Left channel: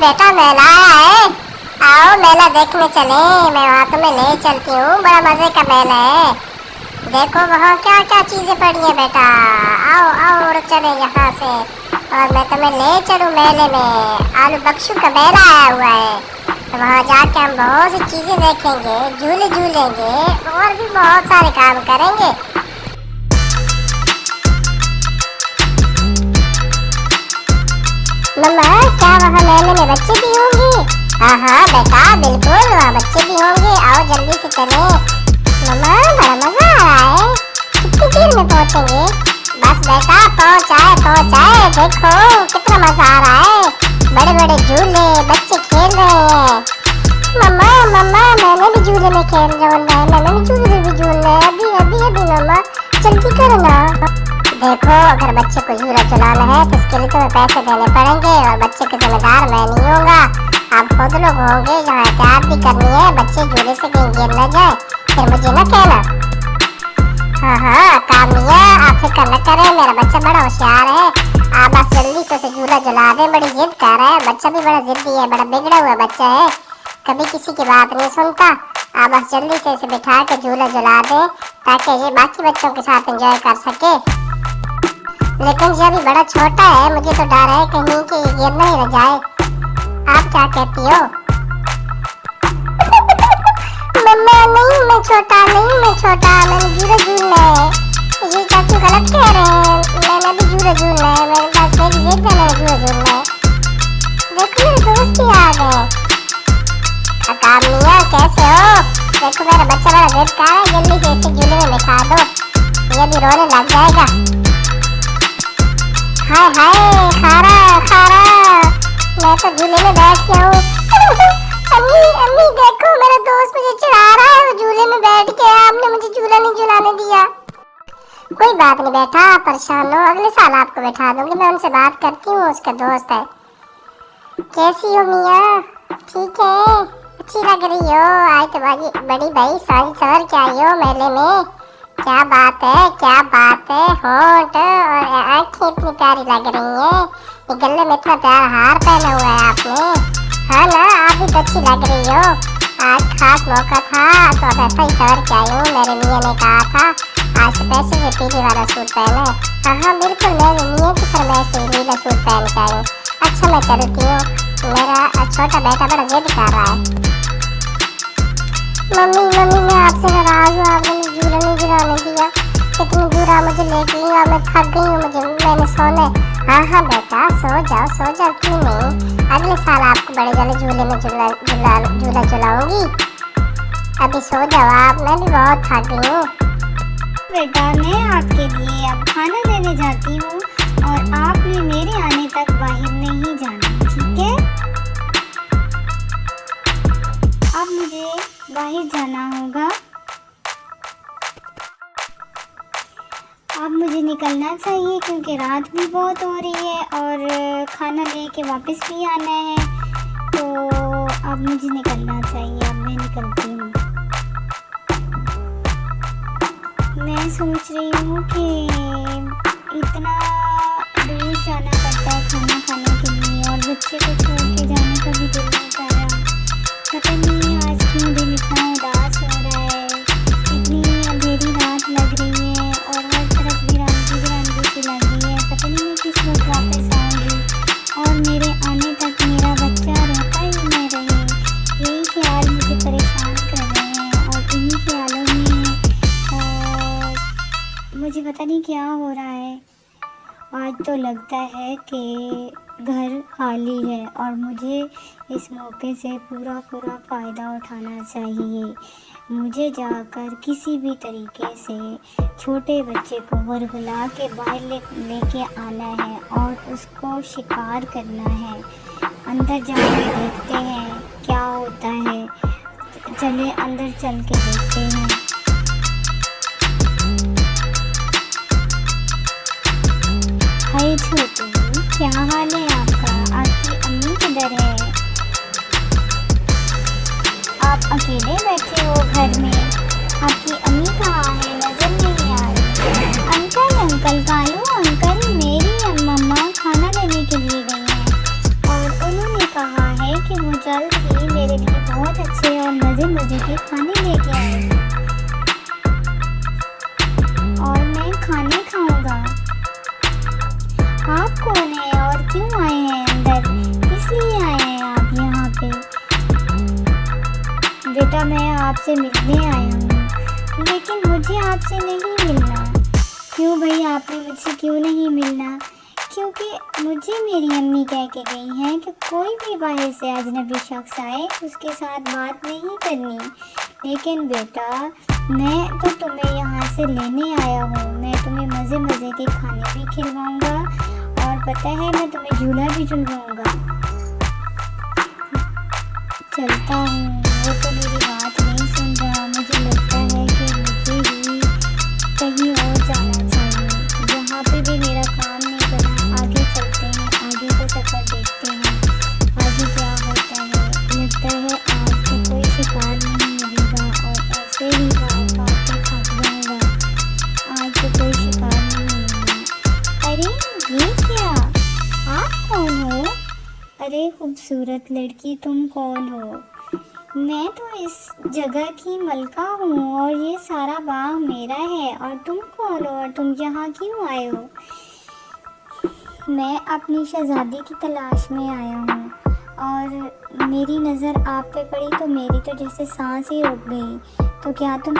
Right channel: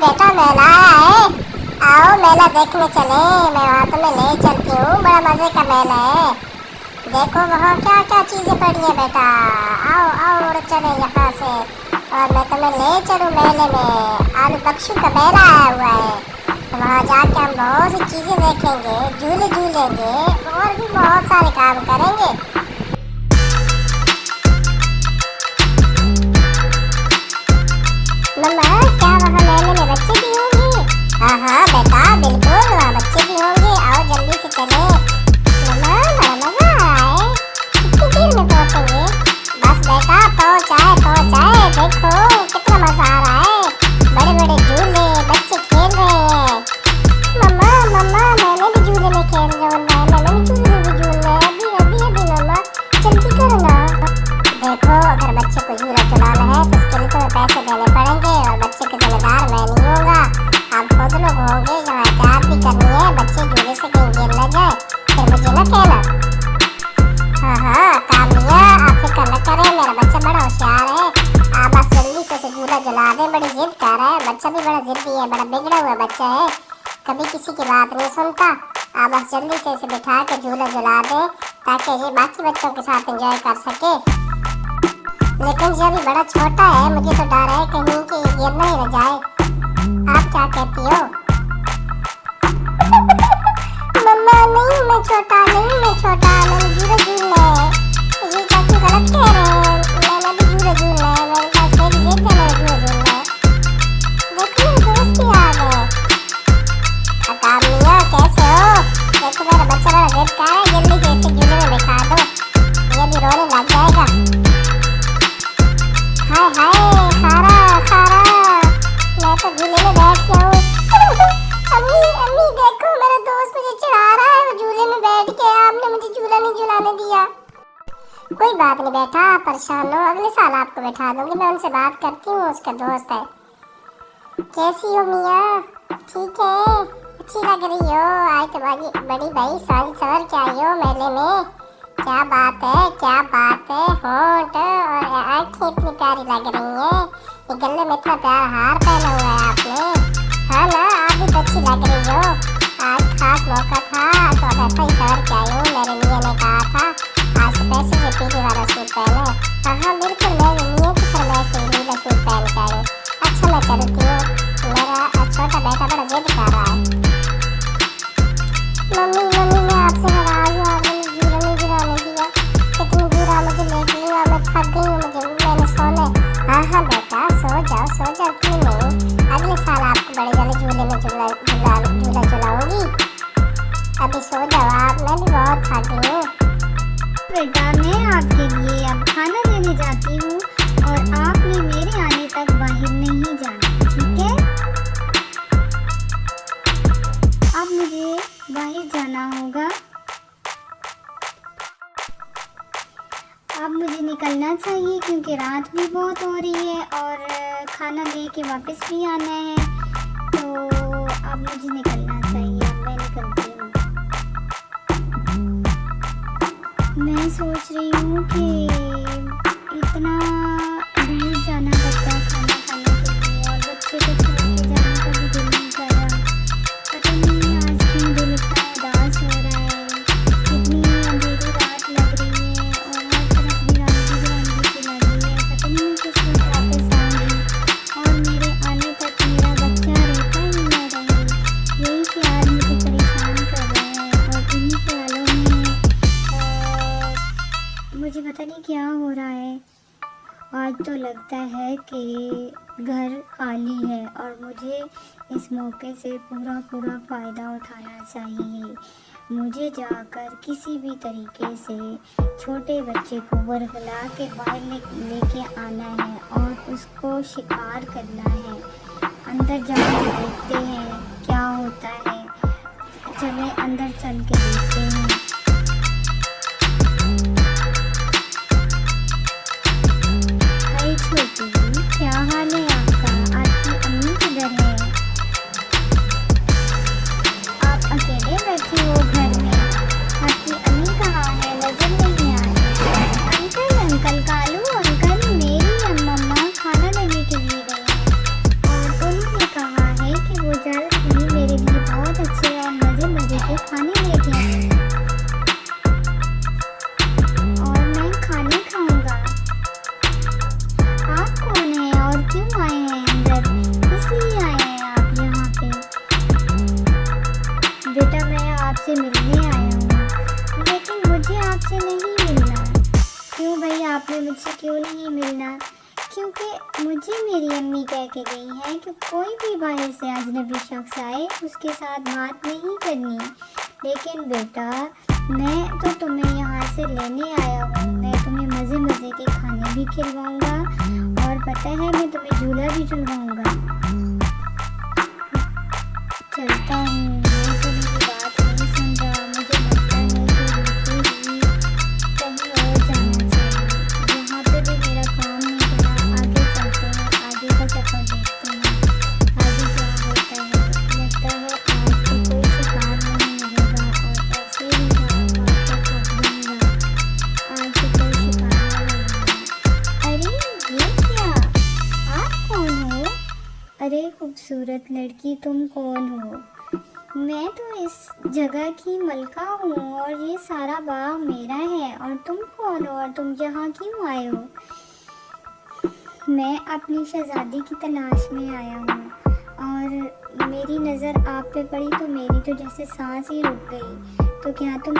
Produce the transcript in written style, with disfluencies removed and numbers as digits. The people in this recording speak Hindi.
बेटा मेला आया है। आओ मेला देखने चले, मैं वहाँ तुम्हें ले चलती हूँ। बड़ा मजे का मेला है। देखो वहाँ क्या क्या चीजें पड़ी हैं बेटा। आओ आओ उड़ चले यहाँ से और मैं तुम्हें ले चलूँ मेले में। आलू बख्शू का मेला आया हुआ है, तो वहाँ जाके हम बहुत सी चीजें देखेंगे, झूले झूलेंगे और भी बहुत सारे काम करेंगे। मम्मा क्या वहाँ मेले में बच्चे भी होंगे? हाँ हाँ बेटा बिल्कुल, वहाँ बच्चे भी होंगे। आओ जल्दी से चले। मम्मा बड़ा मजा आ रहा है, कितनी देर में पहुँचेंगे? बस बेटा पहुँचाए पहुँचाए, देखो कितना मजा आ रहा है। बड़े बड़े झूले, बच्चे खेल रहे हैं। मम्मा मम्मा मैंने भी झूले में खेल रहा हूँ, मैंने भी झूले में भी झूलना है। अभी अभी अभी मम्मा जल्दी करो ना। देखो अगर बच्चे को झूला झुलाना है तो उसके लिए तुम्हें पैसे देने पड़ेंगे और बच्चे के जिम्मेदार मैं नहीं होगा, आप खुद लोग होंगे जो एहतियात भी करनी है, बच्चे झूले से कहीं गिर न जाए, फिर मुझे न कहना। हाँ हाँ कामया आप फिक्र न करें, मेरा बच्चा बड़ा होशियार है। आप बस जल्दी से उसे झूला झुला दें। बड़ी जिद कर रहा है बच्चा, भी बड़ा जिद्दी है, बड़ा बिगड़ा हुआ बच्चा है, कभी किसी की बात नहीं सुनता। आप बस जल्दी से इसे बिठा के झूला झुला दें ताकि ये बाकी बच्चों के साथ एंजॉय कर सके। लेकिन जब ये बड़ा छोटा है, मुझे तो डर है कहीं कि ये गिर नहीं न जाए। आप क्या कहती हो? मम्मा नहीं मैं छोटा नहीं, मैं छोटा, मैंने झूला झूलना है। ये चाचू गलत कह रहे हैं, मैंने भी झूला झूलना है, मेरे पास मेरी जिद है, मैंने झूला झूलना है। देखो मेरे दोस्त भी आ गए। कामया कैसे हो? देखो मेरा बच्चा बड़ा जिद कर रहा है, जल्दी से इसे झूले में बिठा दो, ये भी रोने लग जाएगा। हाय हाय सारा सारा, मैं तो झूले में बैठ के हूँ। अम्मी अम्मी देखो मेरा दोस्त मुझे चिढ़ा रहा है, वो झूले में बैठ के, आपने मुझे झूला नहीं झुलाने दिया। कोई बात नहीं बेटा, आप परेशान हो, अगले साल आपको बैठा दूंगी, मैं उनसे बात करती हूँ, उसका दोस्त है। कैसी हो मिया? ठीक है, अच्छी लग रही हो। आज तुम्हारी बड़ी भाई सारी सवर के आई हो मेले में। क्या बात है, क्या बात है, होंठ और आँखें इतनी प्यारी लग रही हैं। ये गले में इतना प्यारा हार पहना हुआ है आपने। हाँ ना, आप भी तो अच्छी लग रही हो। आज खास मौका था तो अब ऐसा ही सवर के आई हूँ। मेरे मियाँ ने कहा था आज स्पेशल ये पीली वाला सूट पहने। हाँ हाँ बिल्कुल, मैं मियाँ की फरमाइश से नीला सूट पहन के आई हूँ। अच्छा मैं चलती हूँ, मेरा छोटा बेटा बड़ा जिद कर रहा है। मम्मी मम्मी मैं आपसे नाराज हूँ, आपने झूला नहीं झुलाने दिया। कितनी दूर आप मुझे लेके गई, मैं थक गई हूँ, मैंने सोना है। हाँ हाँ बेटा सो जाओ क्यों नहीं, अगले साल आपको बड़े वाले झूले में झूला झुलाऊंगी। अभी सो जाओ आप, मैं भी बहुत थक गई हूँ। बेटा मैं आपके लिए अब खाना देने जाती हूँ और आपने मेरे आने तक बाहर नहीं जाना, ठीक है? अब मुझे बाहर जाना होगा, अब मुझे निकलना चाहिए क्योंकि रात भी बहुत हो रही है और खाना लेके वापस भी आना है, तो अब मुझे निकलना चाहिए। अब मैं निकलती हूँ। मैं सोच रही हूँ कि इतना दूर जाना पड़ता है खाना खाने के लिए और बच्चे को छोड़ के जाने का भी दिल नहीं कर रहा। पता नहीं आज क्यों दिल इतना उदास हो रहा है। इतनी अंधेरी रात लग रही है और हर तरफ बिरंगी सी लग रही है। पता नहीं मैं किस वक्त वापस आऊँगी और मेरे आने तक मेरा बच्चा रोता ही न रहे। यही ख्याल मुझे परेशान कर रहे हैं और इन्हीं ख्यालों में मुझे पता नहीं क्या हो रहा है। आज तो लगता है कि घर खाली है और मुझे इस मौके से पूरा फ़ायदा उठाना चाहिए। मुझे जाकर किसी भी तरीके से छोटे बच्चे को वरगला के बाहर लेके आना है और उसको शिकार करना है। अंदर जाके देखते हैं क्या होता है, चले अंदर चल के देखते हैं। हाय छोटू, क्या हाल है आपका? आपकी अम्मी किधर है? आप अकेले बैठे हो घर में? आपकी अम्मी कहाँ है? नजर नहीं आ रही। अंकल कालू अंकल, मेरी मम्मा खाना लेने के लिए गई हैं और उन्होंने कहा आपसे मिलने आया हूँ, लेकिन मुझे आपसे नहीं मिलना। क्यों भैया, आपने मुझसे क्यों नहीं मिलना? क्योंकि मुझे मेरी अम्मी कह के गई हैं कि कोई भी बाहर से अजनबी शख्स आए उसके साथ बात नहीं करनी। लेकिन बेटा, मैं तो तुम्हें यहाँ से लेने आया हूँ, मैं तुम्हें मज़े मज़े के खाने भी खिलवाऊँगा और पता है मैं तुम्हें झूला भी झुलवाऊँगा। चलता हूँ, वो तो मेरी बात नहीं सुन रहा। मुझे लगता है कि मुझे भी कहीं और जाना चाहिए। यहाँ पे भी मेरा काम नहीं बना। आगे चलते हैं, आगे का सफ़र देखते हैं, आगे क्या होता है। लगता है आज तो कोई शिकार नहीं मिलेगा और ऐसे ही भाग भाग के थक जाऊँगा। आज तो कोई शिकार नहीं मिलेगा। अरे ये क्या, आप कौन हो? अरे खूबसूरत लड़की, तुम कौन हो? मैं तो इस जगह की मलका हूँ और ये सारा बाग मेरा है। और तुम कौन हो और तुम यहाँ क्यों आए हो? मैं अपनी शहजादी की तलाश में आया हूँ और मेरी नज़र आप पे पड़ी तो मेरी तो जैसे सांस ही रुक गई। तो क्या तुम